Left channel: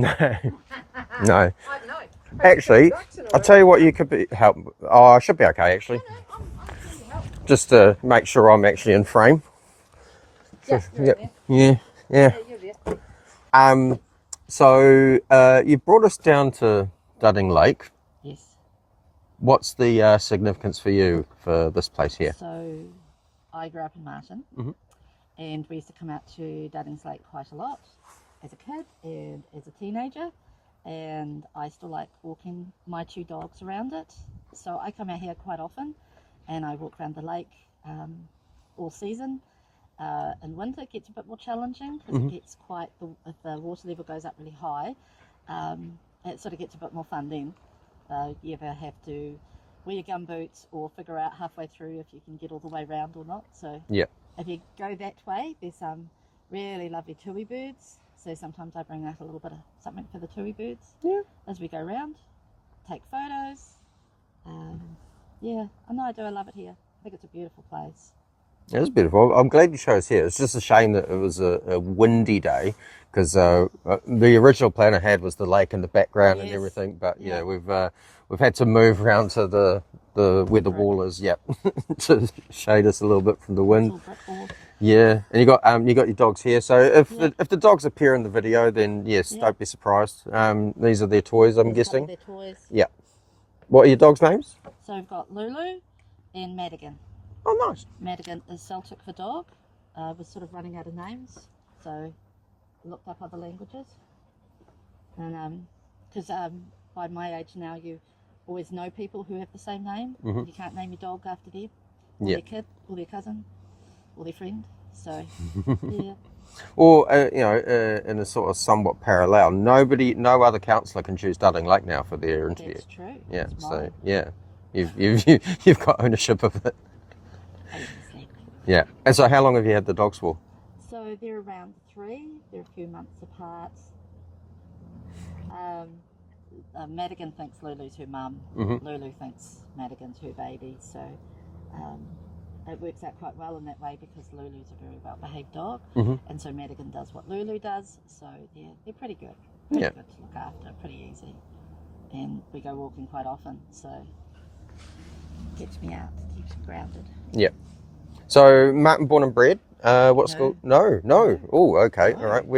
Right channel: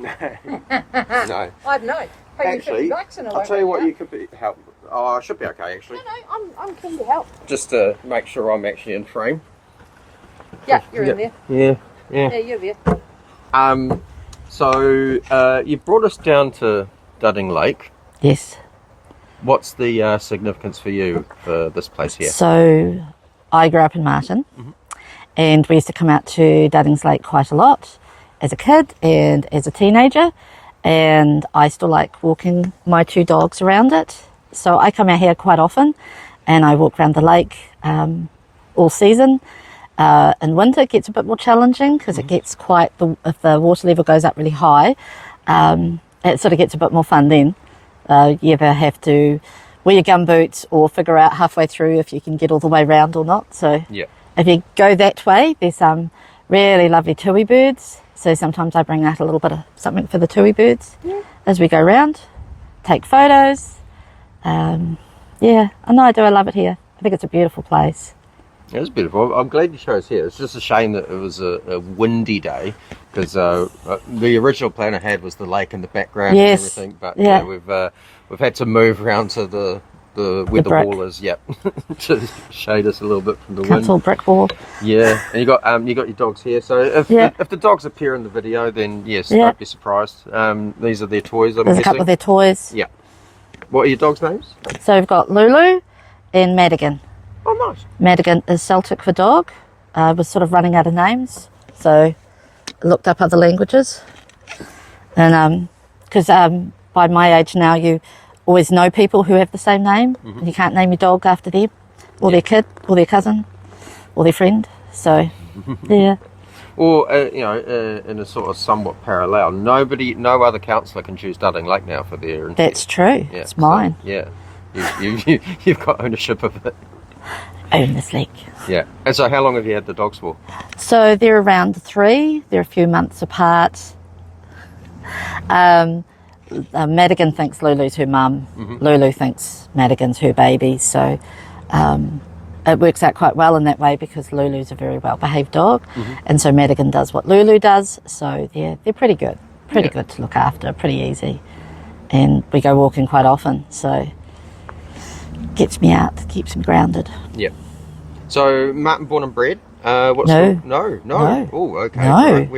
No. I don't know. Actually, I'll tell you what you could help. Oh, I should be okay, actually. No, I'm keen to help. Just to make sure I'm actually in frame. Yeah, you're in there. Yeah. Yeah, you're there. So you brought us down to Dudding Lake. Yes. What's the significance for you for this place here? So I grew up in Martin, and we used to come out to Dudding Lake quite a lot as a kid and as a teenager, and I still like walking my 2 dogs around it. So I come out here quite often and I walk around the lake all season. In winter it gets a bit more challenging because it gets quite, if the water level goes up really high, it sort of gets a bit more fun then. You either have to wear your gumboots or figure out halfway through if you can get all the way round or not. So if you go that way, there's some really lovely tui birds. So sometimes I bring out a little bit of something for the tui birds as we go round, take photos. Yeah, I know I do. I love it here. I think it's a beautiful place. It is beautiful. I'm glad you chose here. It's just a shame that it was a windy day because the original plan I had was the lake in the background and everything. But yeah, we've had to move around to the where the wall is, to shade us a little bit from the wind. Council brick wall. Yeah, and you got your dogs here. So if the dogs appear in the video, then yes, don't be surprised. These are their toys. I'm guessing. A couple of their toys. Yeah. What are your dogs' names? So we've got Lulu and Madigan. Oh, nice. Madigan is Celtic for dog. Was sort of running out of names, so I looked up other languages. And because by my age now, you always know people who have the same name. You can't name your dog after them, or their kid, or their cousin, or their friend. So, yeah. Or, in a sort of somewhat parallel, no other councillor can choose Dudding Lake now for their... That's true. Yeah, it's mine. So, yeah. You've got ownership of it. Own this lake. Yeah. And so how long have you had the dogs for? So they're around 3. They're a few months apart. Madigan thinks Lulu's her mum. Lulu thinks Madigan's her baby. So it works out quite well in that way because Lulu's a very well-behaved dog. And so Madigan does what Lulu does. So they're pretty good. Pretty good to look after, pretty easy. And we go walking quite often, so gets me out, keeps me grounded. Yeah. So Martin born and bred? No. Oh, okay. No. Right.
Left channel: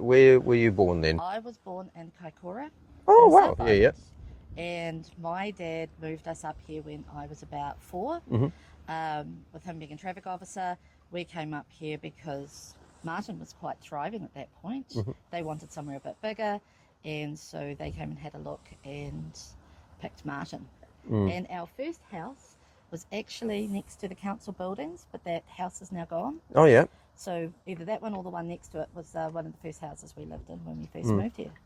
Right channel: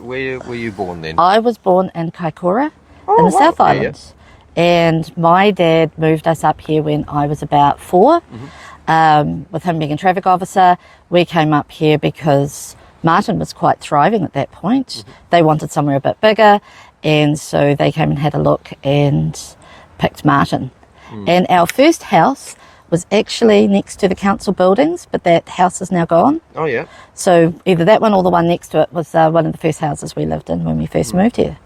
Where were you born then? I was born in Kaikoura in the South Islands. And my dad moved us up here when I was about 4. With him being a traffic officer, we came up here because Martin was quite thriving at that point. They wanted somewhere a bit bigger, and so they came and had a look and picked Martin. And our first house was actually next to the council buildings, but that house is now gone. Oh, yeah. So either that one or the one next to it was one of the first houses we lived in when we first moved here.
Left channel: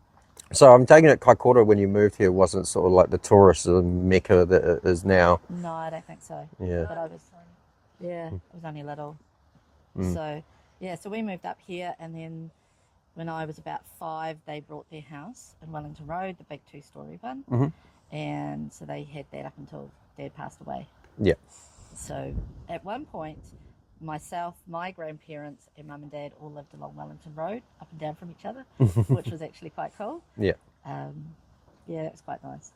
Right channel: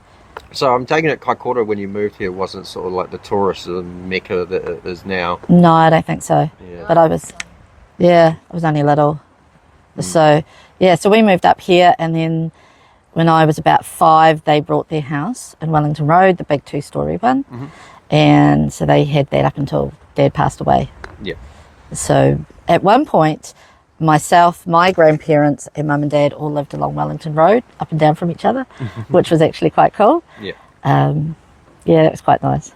So I'm taking it Kaikoura when you moved here wasn't sort of like the tourist mecca that it is now. No, I don't think so. Yeah. But I was only little. So we moved up here, and then when I was about 5, they brought their house in Wellington Road, the big 2-storey one. And so they had that up until Dad passed away. Yeah. So at one point, myself, my grandparents and Mum and Dad all lived along Wellington Road, up and down from each other, which was actually quite cool. Yeah. It was quite nice.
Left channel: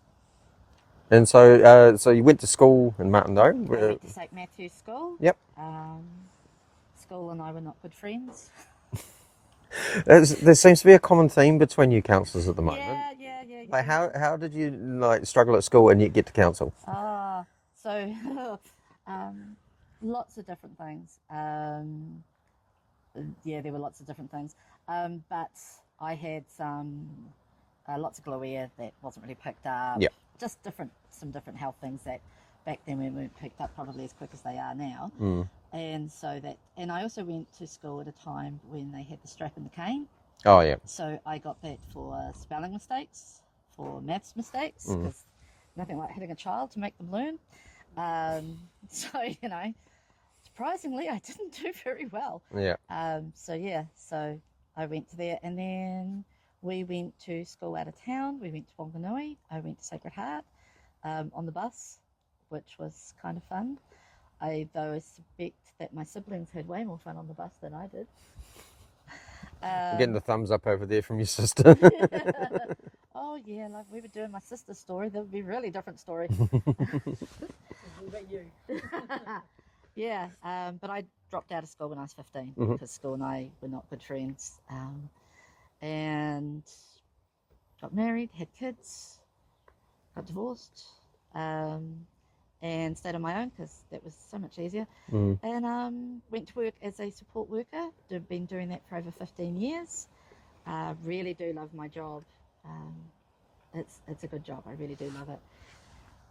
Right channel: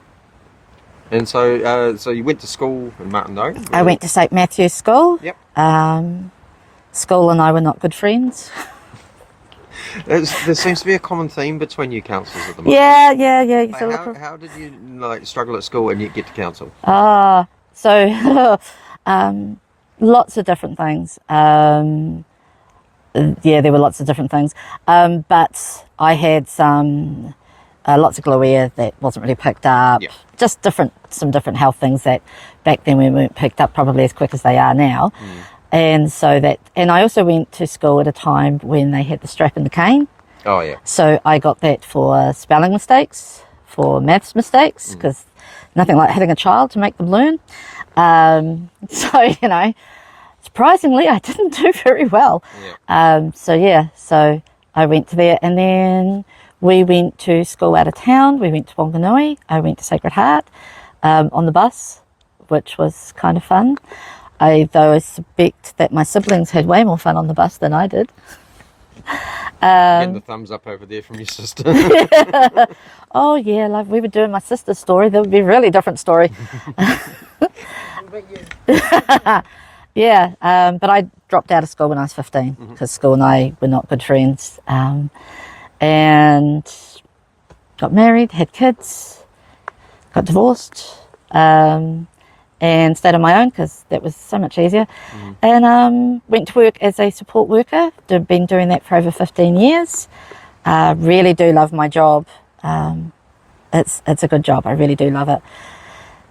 And so you went to school in Martin, I went to St Matthew's School. Yep. School and I were not good friends. There seems to be a common theme between you councillors at the moment. Yeah. How did you struggle at school and yet get to council? So lots of different things. There were lots of different things. But I had lots of glue that wasn't really picked up. Yep. Just some different health things that back then we weren't picked up probably as quick as they are now. And I also went to school at a time when they had the strap and the cane. Oh, yeah. So I got that for spelling mistakes, for maths mistakes, because nothing like hitting a child to make them learn. Surprisingly, I didn't do very well. Yeah. So I went to there, and then we went to school out of town. We went to Wanganui. I went to Sacred Heart on the bus, which was kind of fun. Though I suspect that my siblings had way more fun on the bus than I did. Getting the thumbs up over there from your sister. Oh yeah, like we were doing my sister's story. That would be a really different story. Yeah, but I dropped out of school when I was 15 because school and I were not good friends, and got married, had kids, got divorced, and stayed on my own because that was so much easier. And went to work as a support worker. Been doing that for over 15 years. Really do love my job. It's a good job. I really do love it.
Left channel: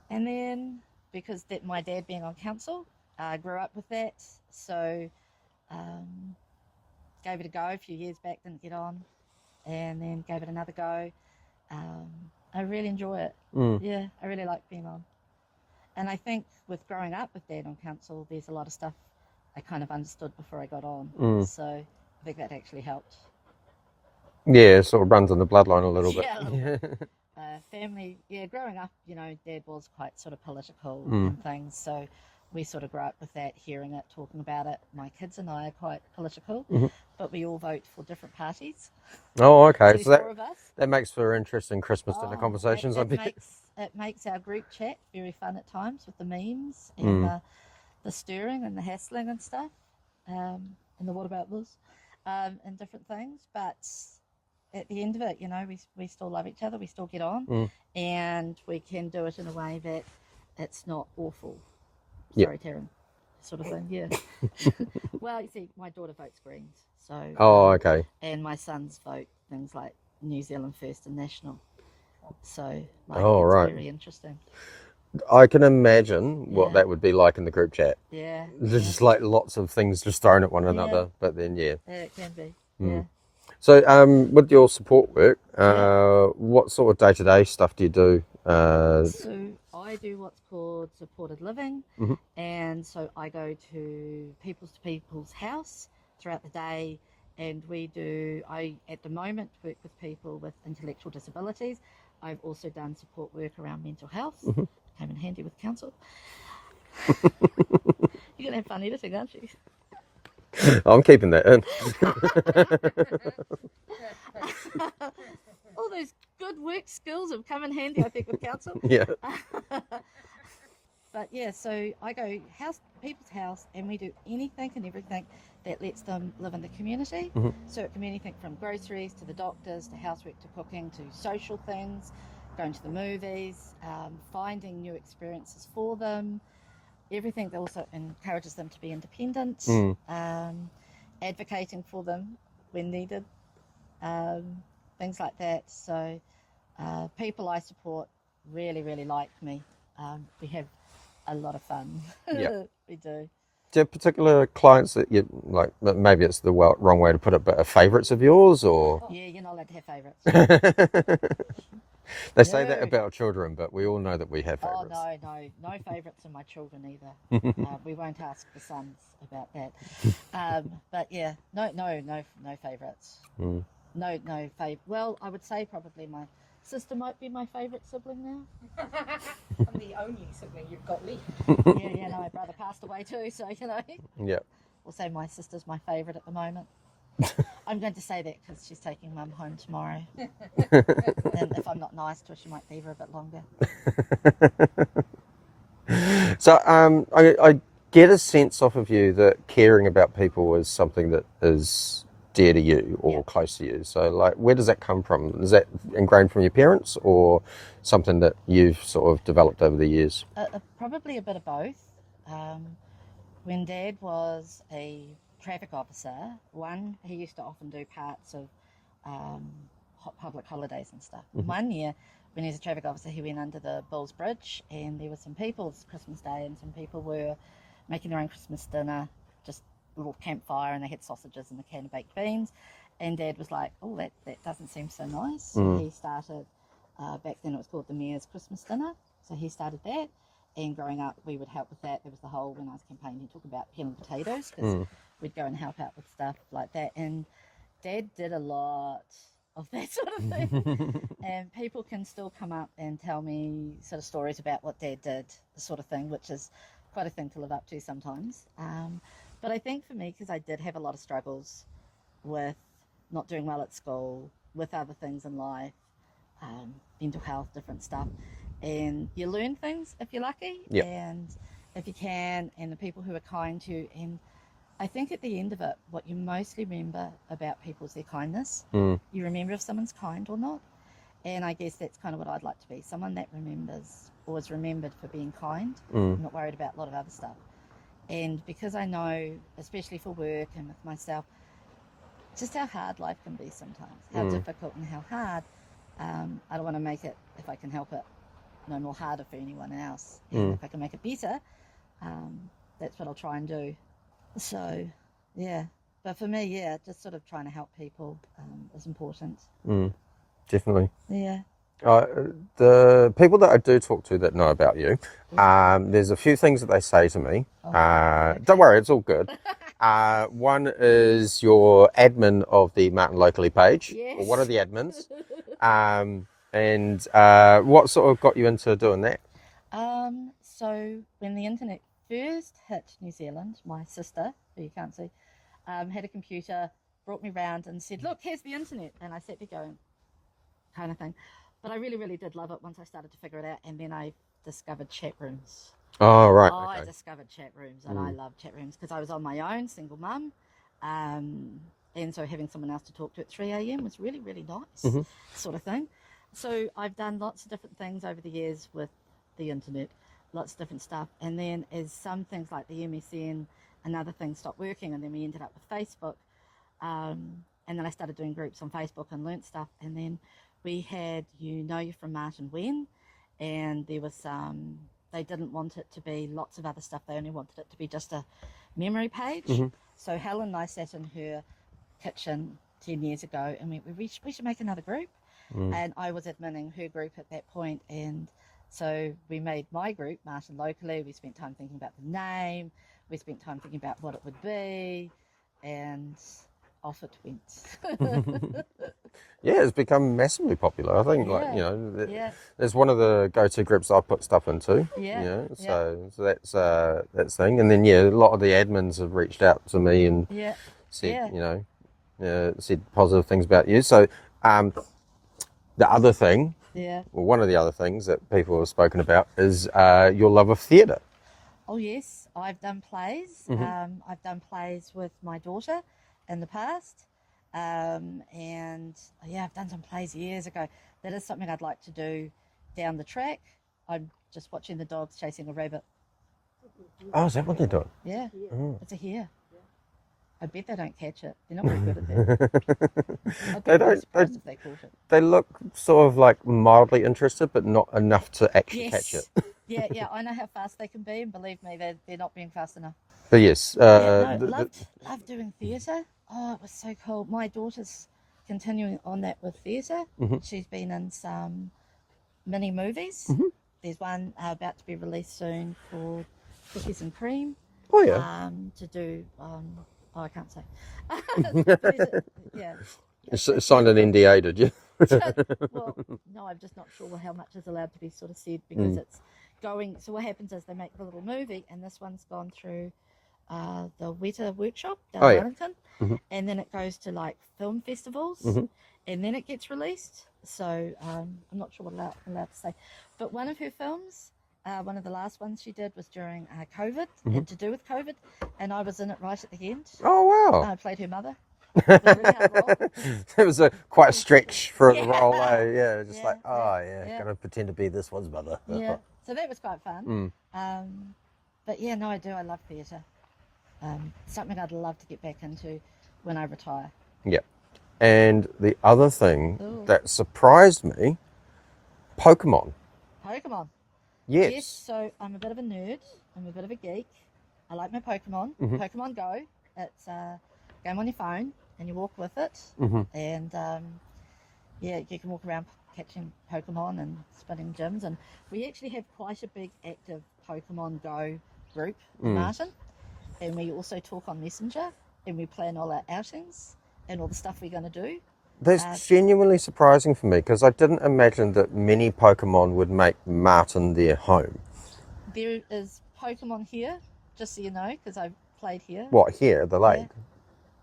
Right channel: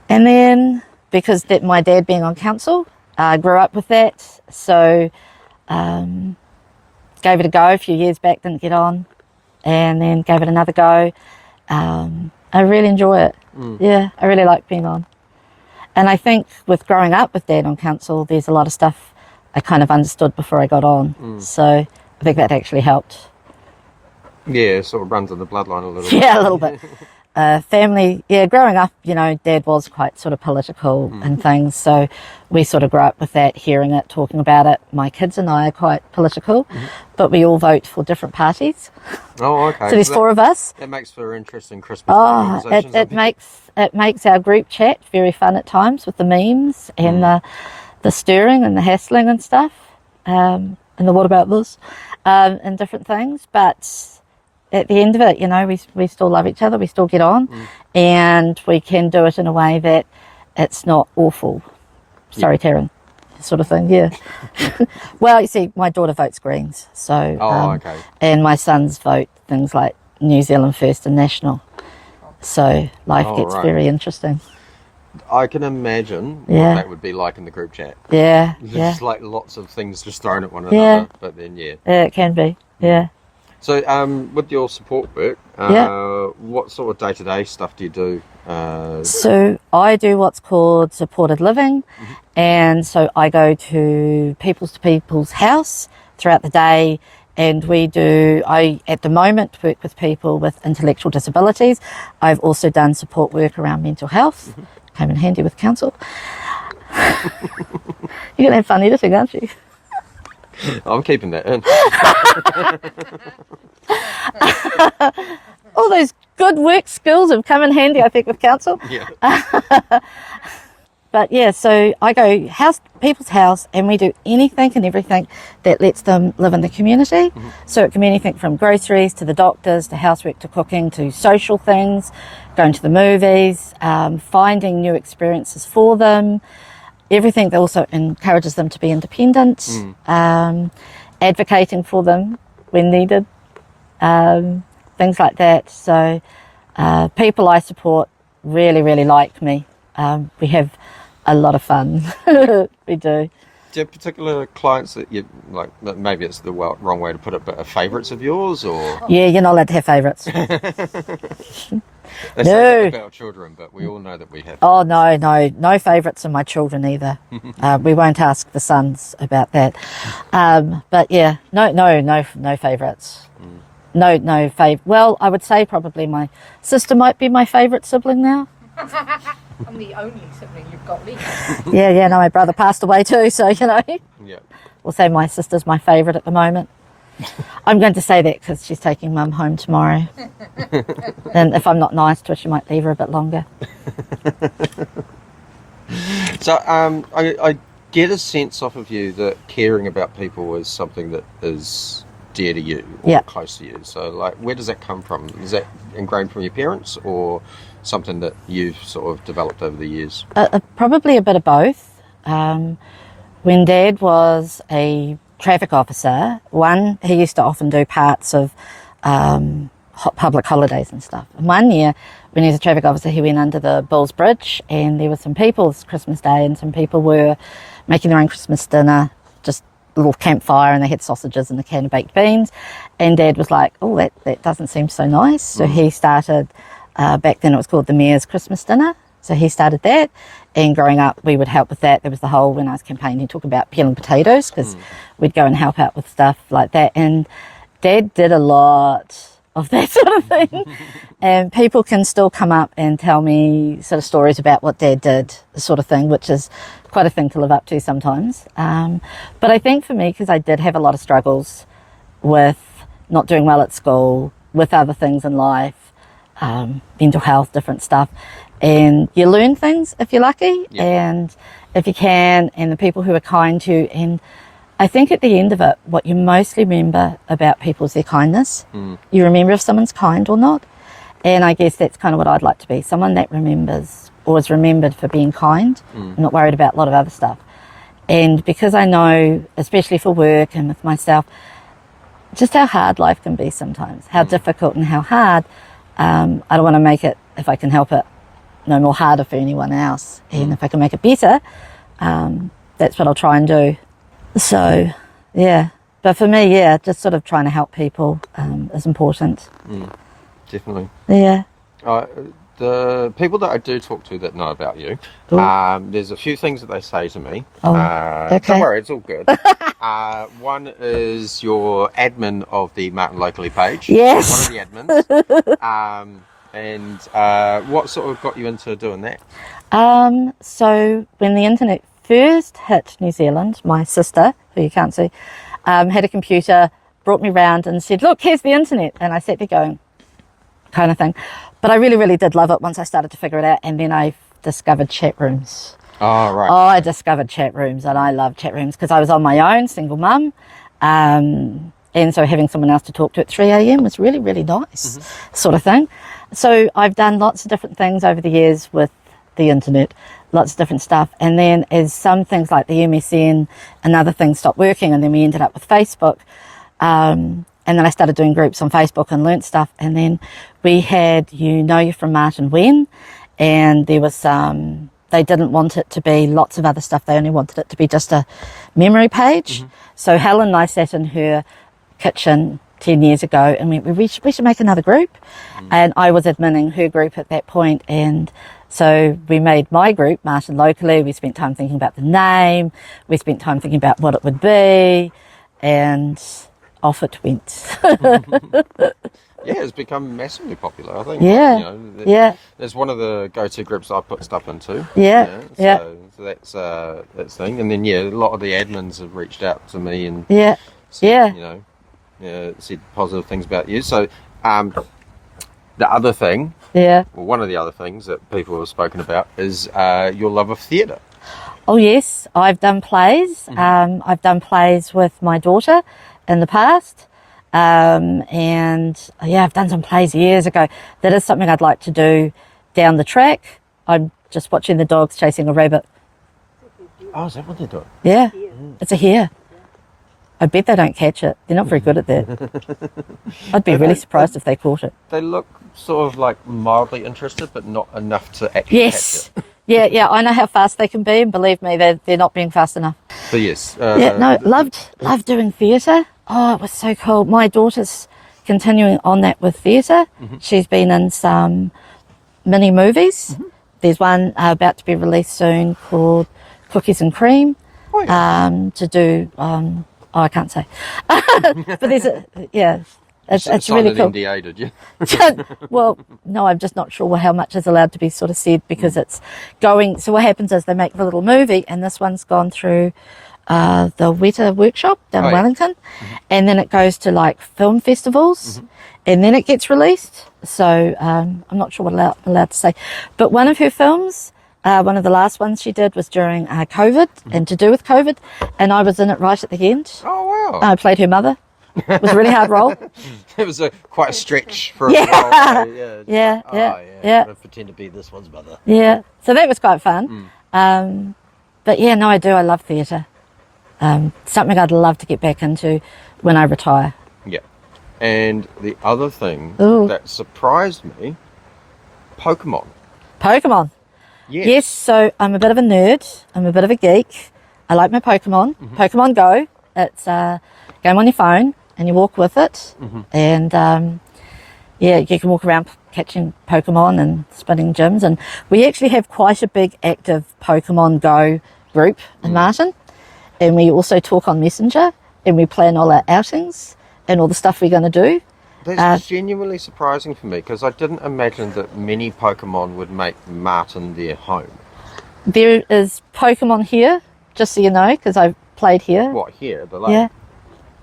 And then because my dad being on council, I grew up with that. So gave it a go a few years back, didn't get on, and then gave it another go. I really enjoy it. Yeah, I really like being on. And I think with growing up with Dad on council, there's a lot of stuff I kind of understood before I got on. So I think that actually helped. Yeah, it sort of runs in the bloodline a little bit. Yeah, a little bit. Family, yeah, growing up, you know, Dad was quite sort of political and things. So we sort of grew up with that, hearing it, talking about it. My kids and I are quite political, but we all vote for different parties. Oh, okay. So there's 4 of us. That makes for interesting Christmas conversations. It makes our group chat very fun at times with the memes and the stirring and the hassling and stuff, and the what about this, and different things. But at the end of it, you know, we still love each other, we still get on, and we can do it in a way that it's not awful. Sorry, Taryn, sort of thing, yeah. Well, you see, my daughter votes Greens, so... okay. And my sons vote things like New Zealand First and National. So life gets very interesting. I can imagine what that would be like in the group chat. Yeah, Just like lots of things just thrown at one another, but then, Yeah, it can be, So with your support work, what sort of day-to-day stuff do you do? So I do what's called supported living, and so I go to people's house throughout the day, and I at the moment work with people with intellectual disabilities. I've also done support work around mental health. Came in handy with council. You're going to have fun editing, aren't you? I'm keeping that in. All those good work skills have come in handy, I think, with council. Yeah. But yeah, so I go people's house, and we do anything and everything that lets them live in the community. So it can be anything from groceries to the doctors to housework to cooking to social things, going to the movies, finding new experiences for them. Everything that also encourages them to be independent, advocating for them when needed, things like that. So people I support really, really like me. We have a lot of fun. We do. Do you have particular clients that you like? Maybe it's the wrong way to put it, but are favourites of yours, or? Yeah, you're not allowed to have favourites. They say that about children, but we all know that we have. Oh no favourites in my children either. We won't ask the sons about that. But yeah, no favourites. No favourite. Well, I would say probably my sister might be my favourite sibling now. I'm the only sibling you've got left. Yeah, no, my brother passed away too, so, you know. Yeah. We'll say my sister's my favourite at the moment. I'm going to say that because she's taking Mum home tomorrow. And if I'm not nice to her, she might leave her a bit longer. So I get a sense off of you that caring about people is something that is dear to you or close to you. So, like, where does that come from? Is that ingrained from your parents or something that you've sort of developed over the years? Probably a bit of both. When Dad was a traffic officer, he used to often do parts of public holidays and stuff. And one year, when he was a traffic officer, he went under the Bulls Bridge, and there were some people, it's Christmas Day, and some people were making their own Christmas dinner, just a little campfire, and they had sausages and a can of baked beans. And Dad was like, oh, that doesn't seem so nice. So he started, back then it was called the Mayor's Christmas Dinner. So he started that, and growing up we would help with that. There was the whole, when I was campaigning, talk about peeling potatoes, because we'd go and help out with stuff like that. And Dad did a lot of that sort of thing. And people can still come up and tell me sort of stories about what Dad did, the sort of thing, which is quite a thing to live up to sometimes. But I think for me, because I did have a lot of struggles with not doing well at school, with other things in life, mental health, different stuff. And you learn things if you're lucky, and if you can, and the people who are kind to you. And I think at the end of it, what you mostly remember about people is their kindness. You remember if someone's kind or not. And I guess that's kind of what I'd like to be, someone that remembers or is remembered for being kind, not worried about a lot of other stuff. And because I know, especially for work and with myself, just how hard life can be sometimes, how difficult and how hard, I don't want to make it, if I can help it, no more harder for anyone else. And if I can make it better, that's what I'll try and do. So, yeah. But for me, yeah, just sort of trying to help people is important. Definitely. Yeah. The people that I do talk to that know about you, there's a few things that they say to me. Okay. Don't worry, it's all good. One is your admin of the Martin Locally page. Yes. One of the admins. And what sort of got you into doing that? So when the internet first hit New Zealand, my sister, who you can't see, had a computer, brought me round and said, look, here's the internet. And I sat there going, kind of thing. But I really, really did love it once I started to figure it out. And then I discovered chat rooms. Oh, right. Oh, I discovered chat rooms, and I love chat rooms because I was on my own, single mum. And so having someone else to talk to at 3 a.m. was really, really nice, sort of thing. So I've done lots of different things over the years with the internet, lots of different stuff. And then as some things like the MSN and other things stopped working, and then we ended up with Facebook. And then I started doing groups on Facebook and learnt stuff. And then we had You're from Martin When, and there was they didn't want it to be lots of other stuff. They only wanted it to be just a memory page. So Helen and I sat in her kitchen 10 years ago and we should make another group. And I was adminning her group at that point. And so we made my group, Martin Locally. We spent time thinking about the name. We spent time thinking about what it would be. And off it went. Yeah, it's become massively popular, I think. Yeah, Like, it's one of the go-to groups I put stuff into. So that's thing. And then, a lot of the admins have reached out to me and said, said positive things about you. So the other thing, well, one of the other things that people have spoken about is your love of theatre. Oh, yes. I've done plays. I've done plays with my daughter in the past. I've done some plays years ago. That is something I'd like to do down the track. I'm just watching the dogs chasing a rabbit. Oh, is that what they're doing? Yeah, it's a hare. I bet they don't catch it. They're not very good at that. I'd be really surprised if they caught it. They look sort of like mildly interested, but not enough to actually catch it. Yeah, I know how fast they can be, and believe me, they're not being fast enough. But yes. Loved doing theatre. Oh, it was so cool. My daughter's continuing on that with theatre. She's been in some mini movies. There's one about to be released soon called Cookies and Cream. Oh, yeah. To do, I can't say. But there's it's really cool. NDA, did you? Well, no, I'm just not sure how much is allowed to be sort of said because it's going. So what happens is they make the little movie, and this one's gone through the Weta workshop down in Wellington, and then it goes to like film festivals, and then it gets released. So I'm not sure what I'm allowed to say. But one of her films, one of the last ones she did was during COVID and to do with COVID, and I was in it right at the end. Oh, wow. I played her mother. It was a really hard role. It was quite a stretch for a role. Yeah. I'm gonna pretend to be this one's mother. Yeah, so that was quite fun. But yeah, no, I do. I love theatre. Something I'd love to get back into when I retire. Yeah. And the other thing that surprised me, Pokemon. Pokemon. Yes, so I'm a bit of a nerd. I'm a bit of a geek. I like my Pokemon. Pokemon Go. It's a game on your phone and you walk with it. And you can walk around catching Pokemon and spinning gyms. And we actually have quite a big active Pokemon Go group in Martin. And we also talk on Messenger and we plan all our outings and all the stuff we're going to do. That's genuinely surprising for me because I didn't imagine that many Pokemon would make Martin their home. There is Pokemon here, just so you know, because I've played here. What, here at the lake?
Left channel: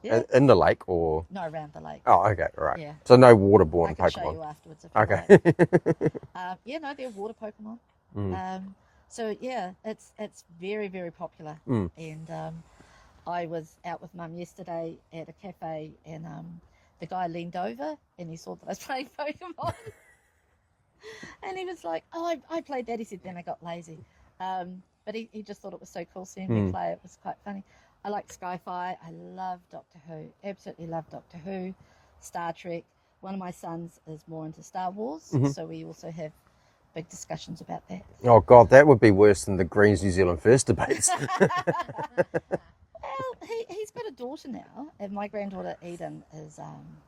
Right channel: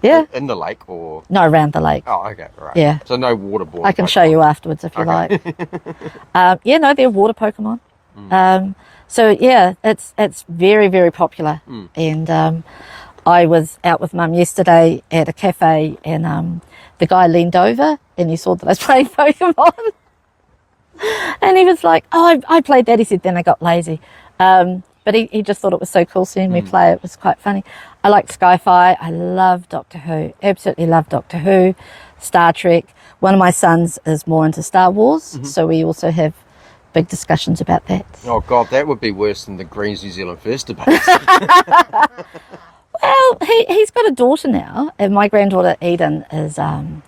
Yeah. In the lake or? No, around the lake. Oh, okay, right. Yeah. So no waterborne I can show Pokemon. you afterwards if you like. Yeah, no, they're water Pokemon. So yeah, it's very, very popular. And I was out with Mum yesterday at a cafe, and the guy leaned over and he saw that I was playing Pokemon. And he was like, "Oh, I played that." He said, "Then I got lazy." But he just thought it was so cool seeing me play. It was quite funny. I like sci-fi. I love Doctor Who. Absolutely love Doctor Who, Star Trek. One of my sons is more into Star Wars, so we also have big discussions about that. Oh God, that would be worse than the Greens New Zealand First debates. Well, he's got a daughter now, and my granddaughter Eden is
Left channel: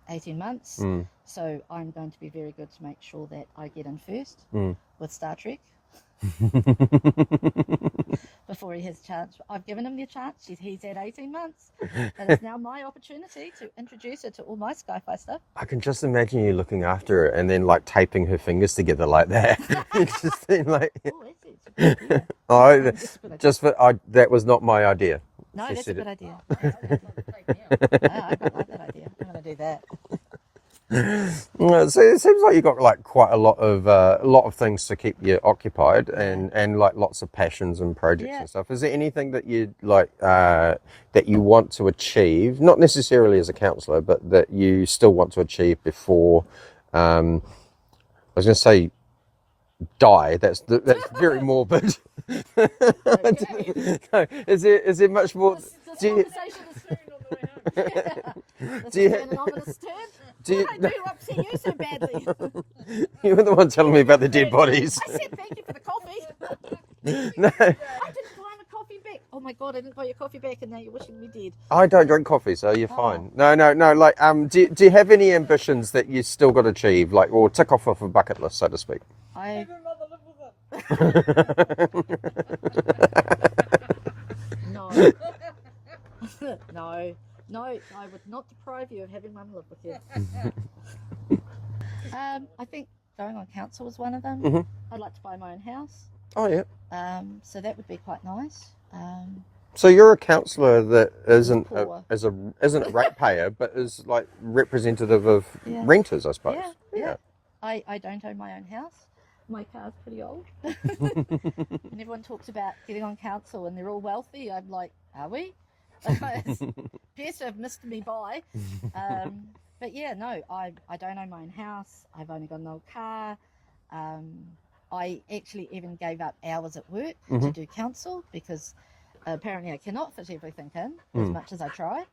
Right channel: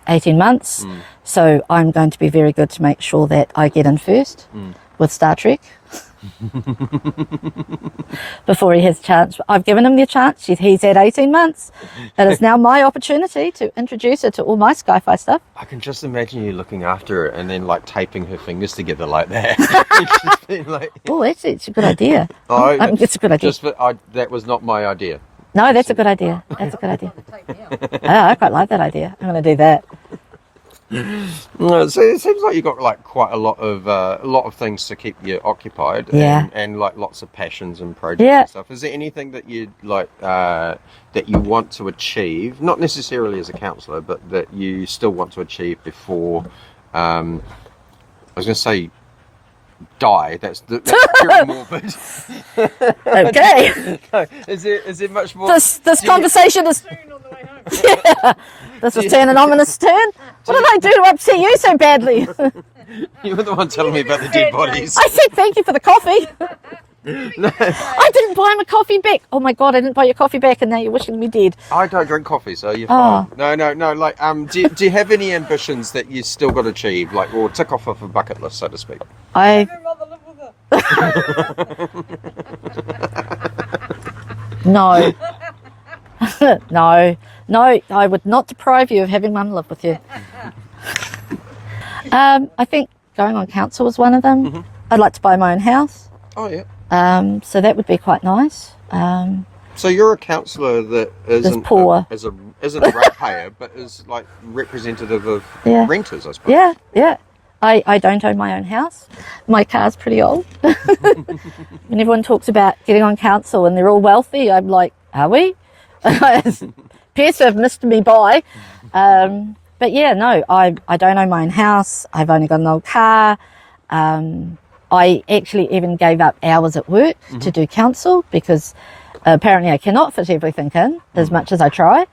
18 months, so I'm going to be very good to make sure that I get in first with Star Trek before he has a chance. I've given him the chance. He's at 18 months. It is now my opportunity to introduce her to all my sci-fi stuff. I can just imagine you looking after her and then like taping her fingers together like that. Oh, actually, it's a good idea. Oh, it's a good idea. That was not my idea. No, that's a good idea. That's a good idea. I quite like that idea. I'm going to do that. So it seems like you've got like quite a lot of things to keep you occupied, and like lots of passions and projects and stuff. Is there anything that you like that you want to achieve, not necessarily as a councillor, but that you still want to achieve before? I was going to say die. That's very morbid. Okay. Is there much more? This conversation is. Yeah, this is turning an ominous turn. What did I do to upset you so badly? You were the one telling me about the dead bodies. I said thank you for the coffee. No. I didn't buy him a coffee back. Oh my God, I didn't buy your coffee back, and now you're wishing me dead. I don't drink coffee, so you're fine. No. Like, do you have any ambitions that you still got to achieve, like, or tick off of a bucket list, so to speak? No. No, I would not deprive you of having Mum live with you. I think going on council was one of them. I'd like to buy my own house. Oh, yeah. So that would be quite nice. So you're a councillor that isn't poor. Isn't a ratepayer, but is like representative of renters, I suppose. Yeah. I don't own my own house. My car's pretty old. When everyone talks about getting on council and they're all wealthy, I'm like, are we? Appears to have missed me by. But yeah, no, I don't own my own house. I've only got an old car. I actually even gave up hours at work to do council because apparently I cannot fit everything in as much as I try.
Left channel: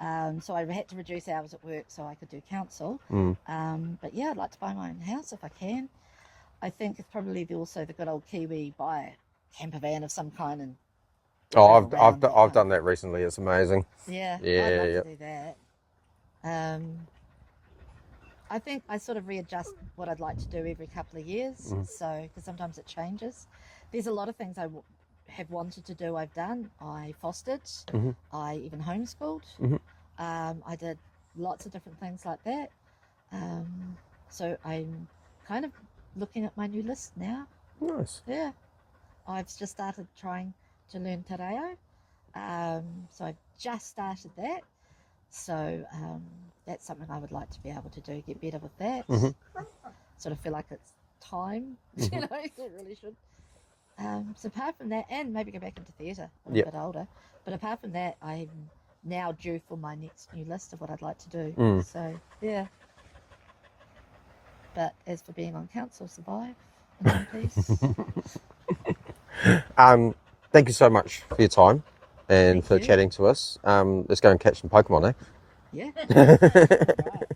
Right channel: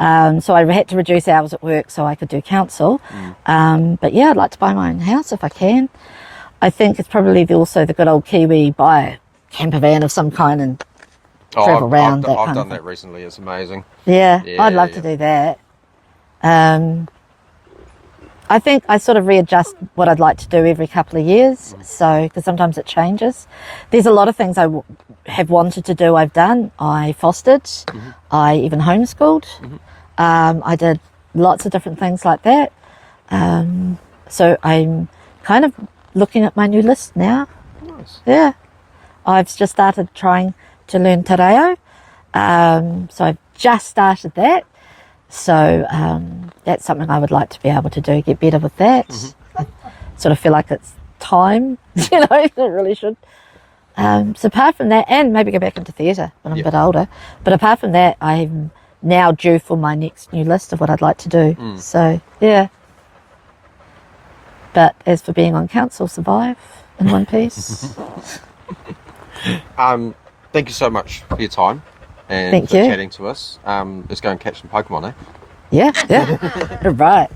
So I had to reduce hours at work so I could do council. But yeah, I'd like to buy my own house if I can. I think it's probably also the good old Kiwi, buy a camper van of some kind and travel around. I've done that recently. It's amazing. Yeah, I'd love to do that. I think I sort of readjust what I'd like to do every couple of years. So, because sometimes it changes. There's a lot of things I have wanted to do, I've done. I fostered. I even homeschooled. I did lots of different things like that. So I'm kind of looking at my new list now. Nice. Yeah. I've just started trying to learn te reo. So I've just started that. So that's something I would like to be able to do, get better with that. I sort of feel like it's time, it really should. So apart from that, and maybe go back into theatre when I'm a bit older, but apart from that, I'm now due for my next new list of what I'd like to do. So, yeah. But as for being on council, survive in one piece. Thank you so much for your time and for chatting to us. Let's go and catch some Pokemon, eh? Yeah. Right.